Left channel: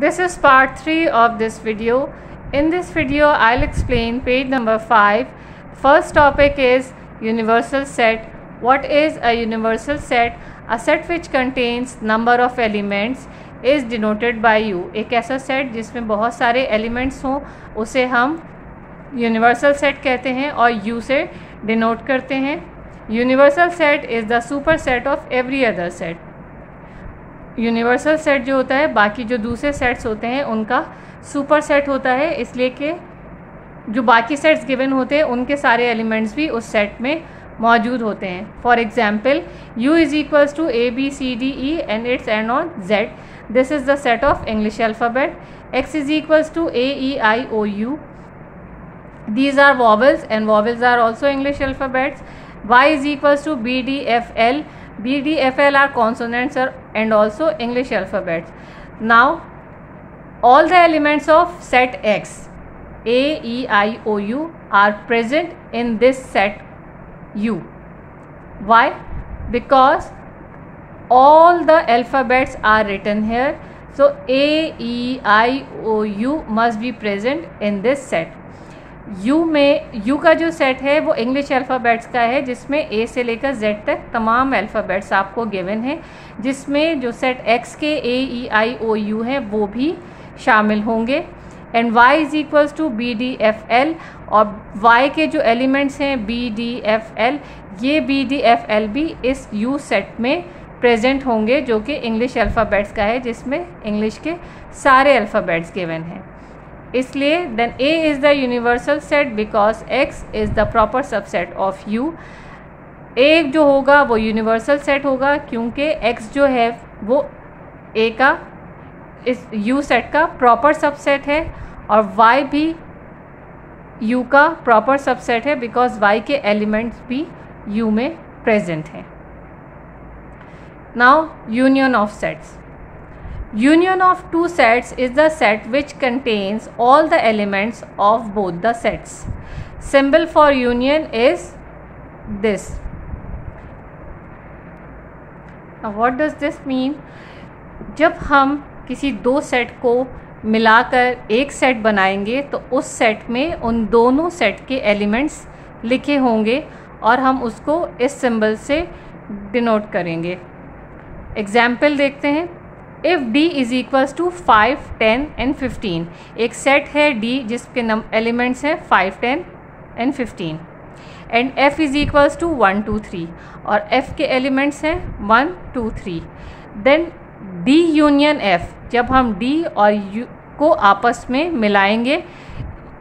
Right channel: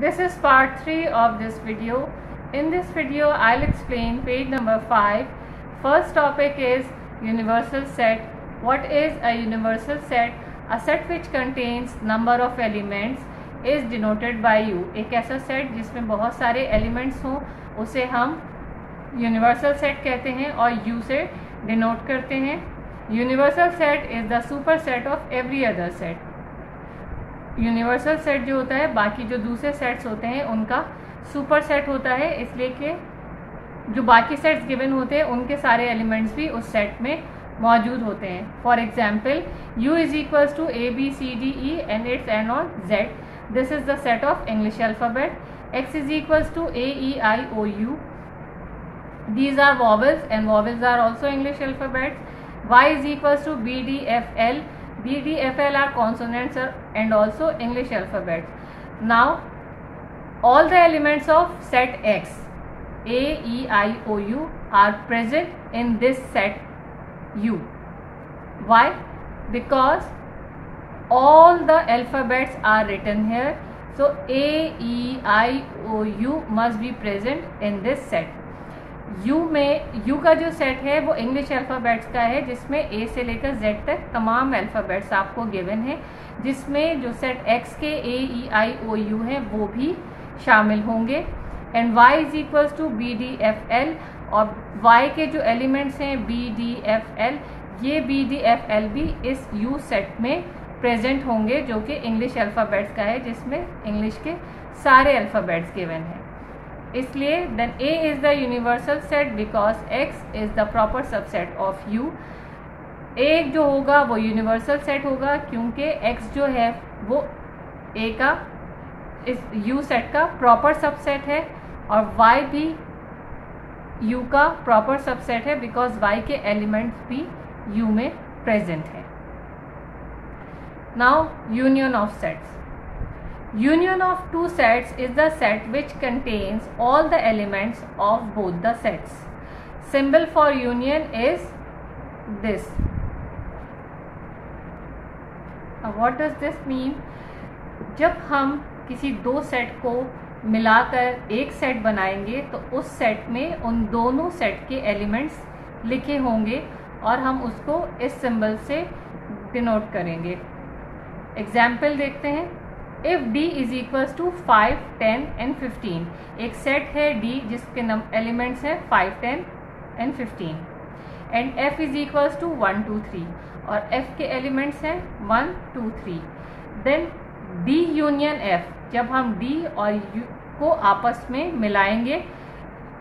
This is part 3 of this video. In this video, I'll explain page number 5. First topic is universal set. What is a universal set? A set which contains number of elements is denoted by U. एक ऐसा set जिसमें बहुत सारे elements हों उसे हम universal set कहते हैं और U से डिनोट करते हैं. Universal set is the super set of every other set. Universal set जो होता है बाकी जो दूसरे सेट्स होते हैं उनका सुपर सेट होता है, इसलिए कि जो बाकी सेट्स गिवन होते हैं उनके सारे एलिमेंट्स भी उस सेट में मौजूद होते हैं. For example U is equals to ABCDE and its end on Z. This is the set of English alphabet. X is equals to AEIOU. These are vowels and vowels are also English alphabets. Y is equals to BDFL. BDFL are consonants and also English alphabets. Now, all the elements of set X, A, E, I, O, U are present in this set U. Why? Because all the alphabets are written here. So, A, E, I, O, U must be present in this set. U में U का जो set है वो English alphabets का है जिसमें A से लेकर Z तक तमाम अल्फ़ाबेट्स आपको गिवन है, जिसमें जो सेट X के A, E, I, O, U है वो भी शामिल होंगे. And Y is equals to BDFL और Y के जो एलिमेंट्स हैं BDFL, ये BDFL भी इस U सेट में प्रेजेंट होंगे जो कि इंग्लिश अल्फ़ाबेट्स का है जिसमें इंग्लिश के सारे अल्फ़ाबेट्स गिवन हैं. इसलिए then A is the universal set because X is the proper subset of U. A जो होगा वो यूनिवर्सल सेट होगा क्योंकि X जो है वो A का इस U सेट का प्रॉपर सबसेट है और Y भी U का प्रॉपर सबसेट है बिकॉज Y के एलिमेंट्स भी U में प्रेजेंट हैं. Now union of sets. Union of two sets is the set which contains all the elements of both the sets. Symbol for union is this. Now what does this mean? जब हम किसी दो set को मिलाकर एक set बनाएंगे तो उस सेट में उन दोनों सेट के एलिमेंट्स लिखे होंगे और हम उसको इस सिंबल से डिनोट करेंगे. एग्जाम्पल देखते हैं. If D is equals to 5, 10 and 15. एक सेट है D जिसके एलिमेंट्स हैं 5, 10 and 15. And F is equals to 1, 2, 3 और F के एलिमेंट्स हैं 1, 2, 3. देन D यूनियन F, जब हम D और U को आपस में मिलाएंगे,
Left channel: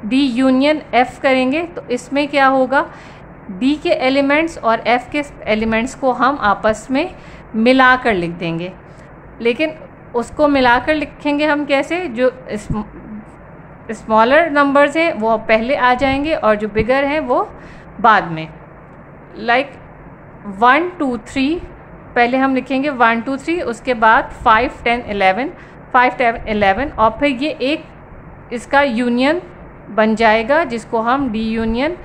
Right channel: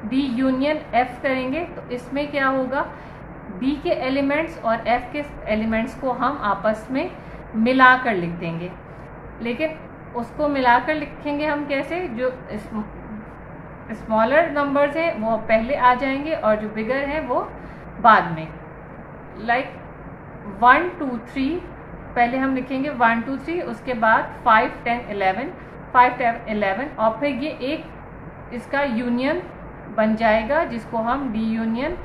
D यूनियन F करेंगे तो इसमें क्या होगा, D के एलिमेंट्स और F के एलिमेंट्स को हम आपस में मिलाकर लिख देंगे. लेकिन उसको मिलाकर लिखेंगे हम कैसे, जो स्मॉलर नंबर्स हैं वो पहले आ जाएंगे और जो बिगर हैं वो बाद में. लाइक 1, 2, 3 पहले हम लिखेंगे 1, 2, 3, उसके बाद 5, 10, 11, 5, 10, 11 और फिर ये एक इसका यूनियन बन जाएगा जिसको हम D यूनियन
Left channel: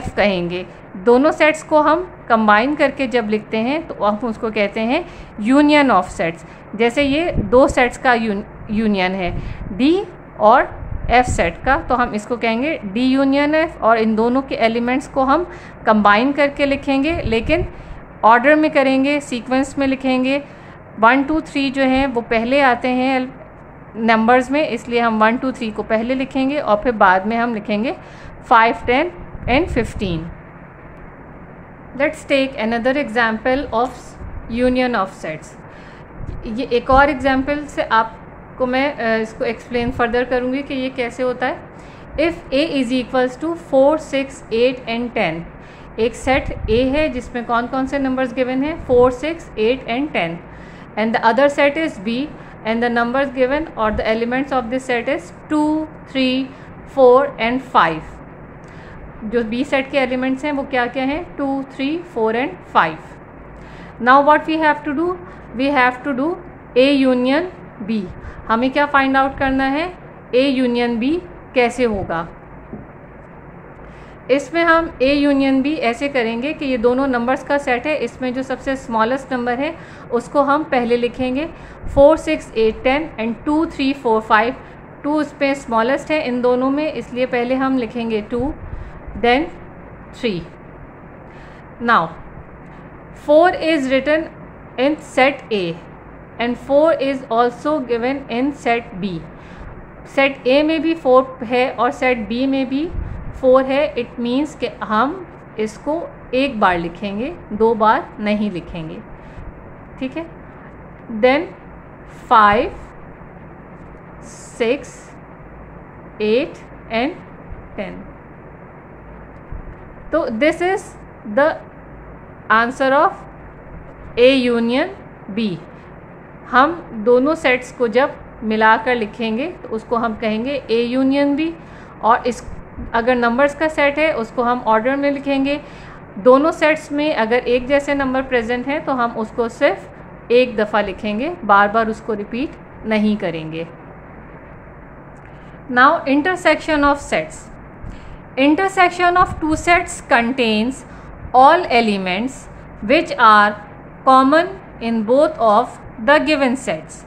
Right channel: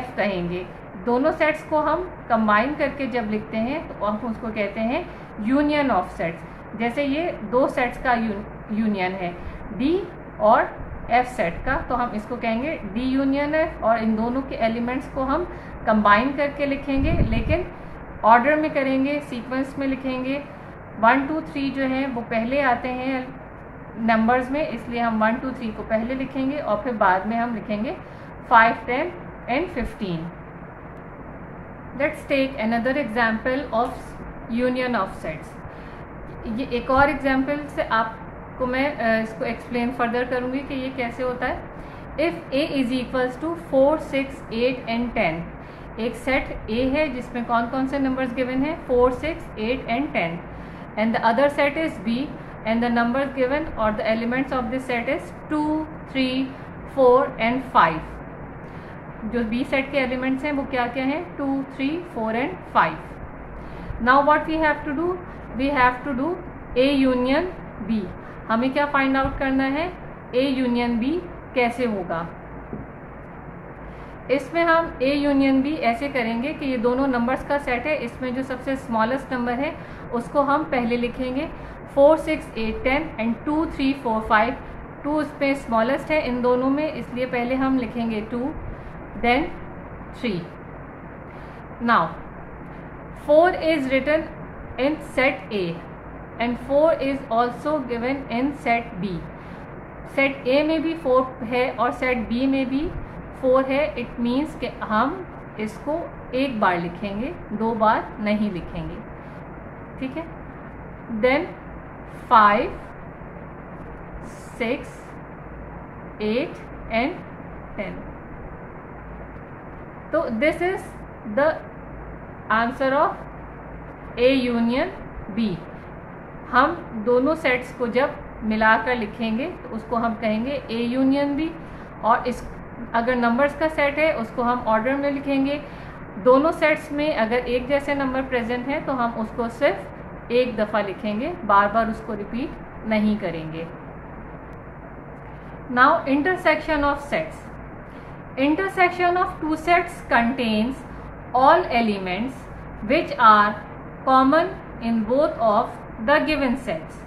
F कहेंगे. दोनों सेट्स को हम कंबाइन करके जब लिखते हैं तो हम उसको कहते हैं यूनियन ऑफ सेट्स. जैसे ये दो सेट्स का यूनियन है D और F सेट का, तो हम इसको कहेंगे D यूनियन F और इन दोनों के एलिमेंट्स को हम कंबाइन करके लिखेंगे, लेकिन ऑर्डर में करेंगे, सीक्वेंस में लिखेंगे. 1, 2, 3 जो हैं वो पहले आते हैं नंबर्स में, इसलिए हम 1, 2, 3 को पहले लिखेंगे और फिर बाद में हम लिखेंगे 5, 10 and 15. Let's take another example of union of sets. ये एक और एग्जाम्पल से आपको मैं इसको एक्सप्लेन फर्दर करूँगी कि ये कैसे होता है. If A is equals to 4, 6, 8 and 10. एक सेट A है जिसमें कौन कौन से नंबर्स गिवन हैं, 4, 6, 8 and 10. And the other set is B and the numbers given और the elements of this set is 2, 3, 4 and 5. जो B सेट के एलिमेंट्स हैं वो क्या क्या हैं, 2, 3, 4 and 5. Now what we have to do, we have to do A union B. हमें क्या फाइंड आउट करना है, A यूनियन B कैसे होगा. इसमें हम A यूनियन B ऐसे करेंगे कि ये दोनों नंबर्स का सेट है, इसमें जो सबसे स्मॉलेस्ट नंबर है उसको हम पहले लिखेंगे 4 6 8 10 एंड 2 3 4 5। 2 इसमें स्मॉलेस्ट है इन दोनों में, इसलिए पहले हम लिखेंगे 2 then 3। Now 4 is written in set A and 4 is also given in set B। Set A में भी 4 है और सेट B में भी 4 है। इट मीन्स कि हम इसको एक बार लिखेंगे, 2 बार नहीं लिखेंगे, ठीक है। Then 5 6 8 and 10। तो this is the answer of A union B। हम दोनों सेट्स को जब मिलाकर लिखेंगे तो उसको हम कहेंगे A यूनियन B, और इस अगर नंबर्स का सेट है उसको हम ऑर्डर में लिखेंगे। दोनों सेट्स में अगर एक जैसे नंबर प्रेजेंट हैं तो हम उसको सिर्फ एक दफ़ा लिखेंगे, बार बार उसको रिपीट नहीं करेंगे। Now intersection of sets. Intersection of two sets contains all elements which are common in both of the given sets.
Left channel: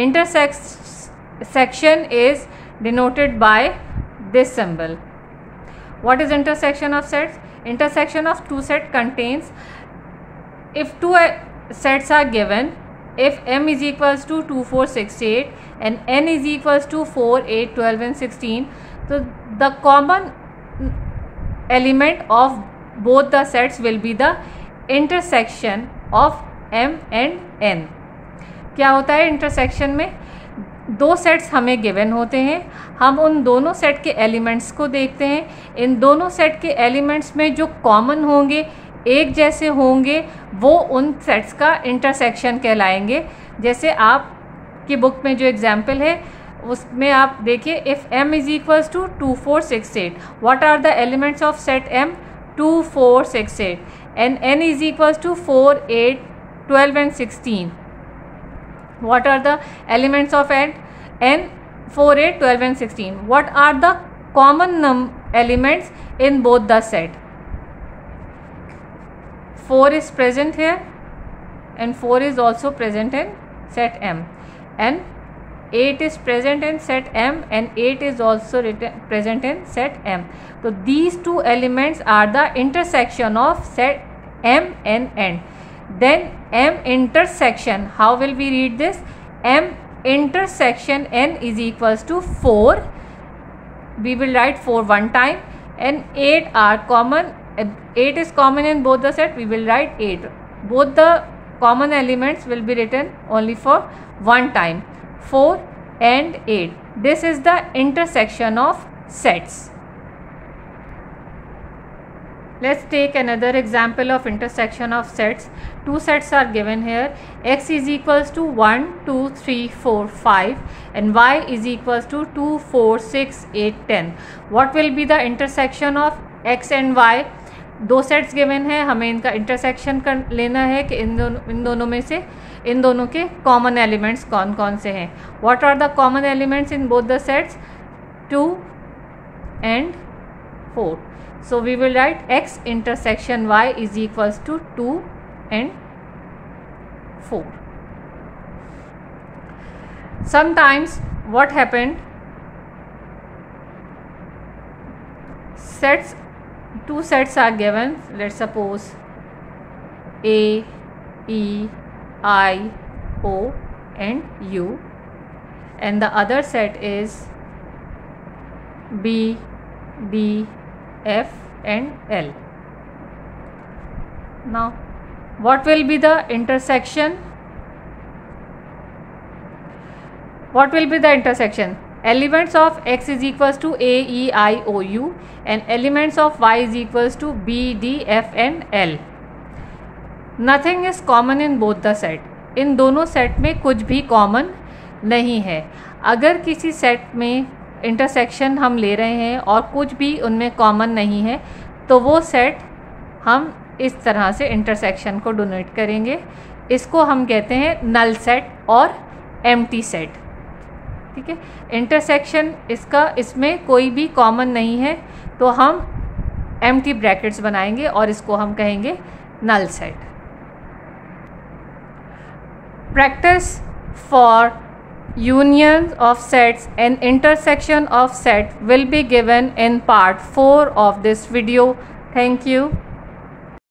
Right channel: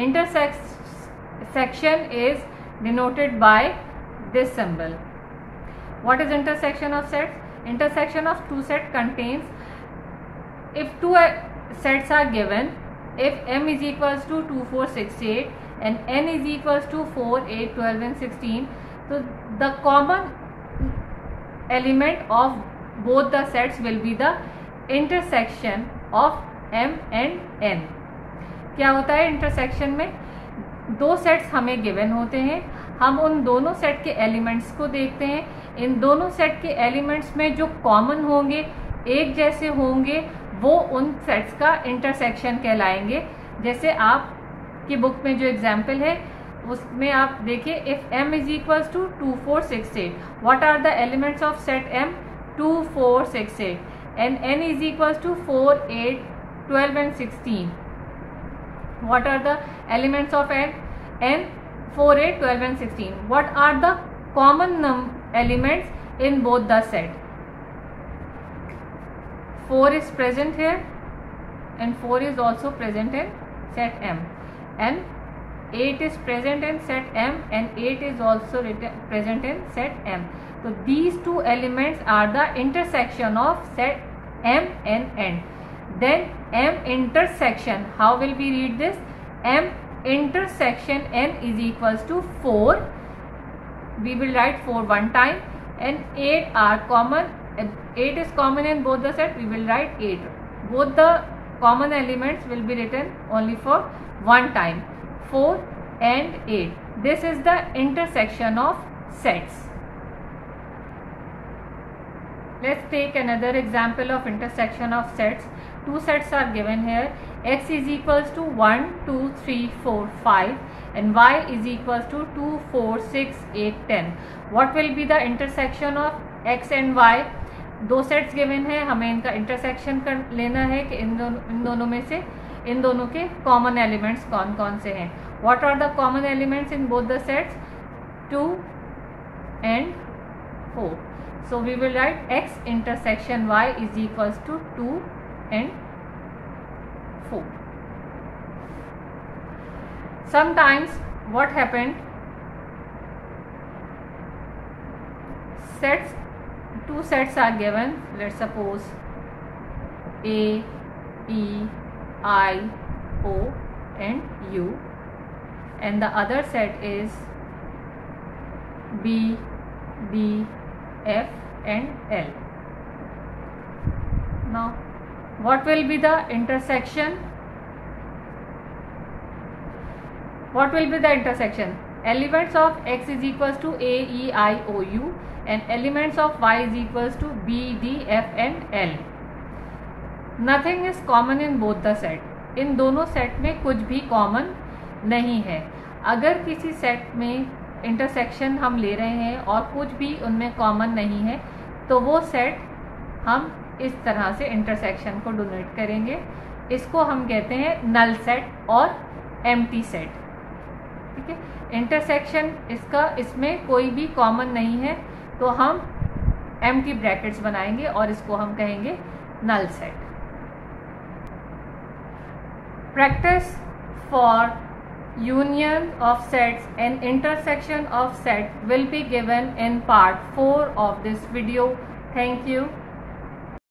Intersection is denoted by this symbol. What is intersection of sets? Intersection of two sets contains, if two sets are given, if m is equals to 2 4 6 8 and n is equals to 4 8 12 and 16, so the common element of both the sets will be the intersection of m and n. क्या होता है intersection में? दो sets हमें given होते हैं, हम उन दोनों सेट के एलिमेंट्स को देखते हैं। इन दोनों सेट के एलिमेंट्स में जो कॉमन होंगे, एक जैसे होंगे, वो उन सेट्स का इंटरसेक्शन कहलाएंगे। जैसे आपकी बुक में जो एग्जाम्पल है उसमें आप देखिए, if m is equals to 2 4 6 8, what are the elements of set m? 2 4 6 8 and n is equals to 4 8 12 and 16. What are the elements of n? 4 8 12 and 16. What are the common elements in both the set? 4 is present here and 4 is also present in set m, and 8 is present in set m and 8 is also present in set m. So these two elements are the intersection of set m and n. Then m intersection, how will we read this? M intersection n is equals to 4. We will write 4 one time, and 8 are common. 8 is common in both the set. We will write 8. Both the common elements will be written only for one time. 4 and 8. This is the intersection of sets. Let's take another example of intersection of sets. Two sets are given here. X is equals to 1 2 3 4 5 and y is equals to 2 4 6 8 10. What will be the intersection of x and y? दो sets given है, हमें इनका intersection कर लेना है कि इन दोनों में से इन दोनों के कॉमन एलिमेंट्स कौन कौन से हैं. What are the common elements in both the sets? 2 and 4. So we will write x intersection y is equals to 2 and 4. Sometimes what happened, two sets are given. Let's suppose A, E, I, O and U, and the other set is B, D, F and L. Now what will be the intersection? What will be the intersection? Elements of x is equals to A, E, I, O, U and elements of y is equals to B, D, F and L. Nothing is common in both the set. इन दोनों set में कुछ भी common नहीं है. अगर किसी set में intersection हम ले रहे हैं और कुछ भी उनमें कॉमन नहीं है तो वो सेट हम इस तरह से इंटरसेक्शन को डोनेट करेंगे. इसको हम कहते हैं नल सेट और एम्प्टी सेट. ठीक है, इंटरसेक्शन इसका इसमें कोई भी कॉमन नहीं है तो हम एम्प्टी ब्रैकेट्स बनाएंगे और इसको हम कहेंगे null set. Practice for unions of sets and intersection of set will be given in part 4 of this video. Thank you.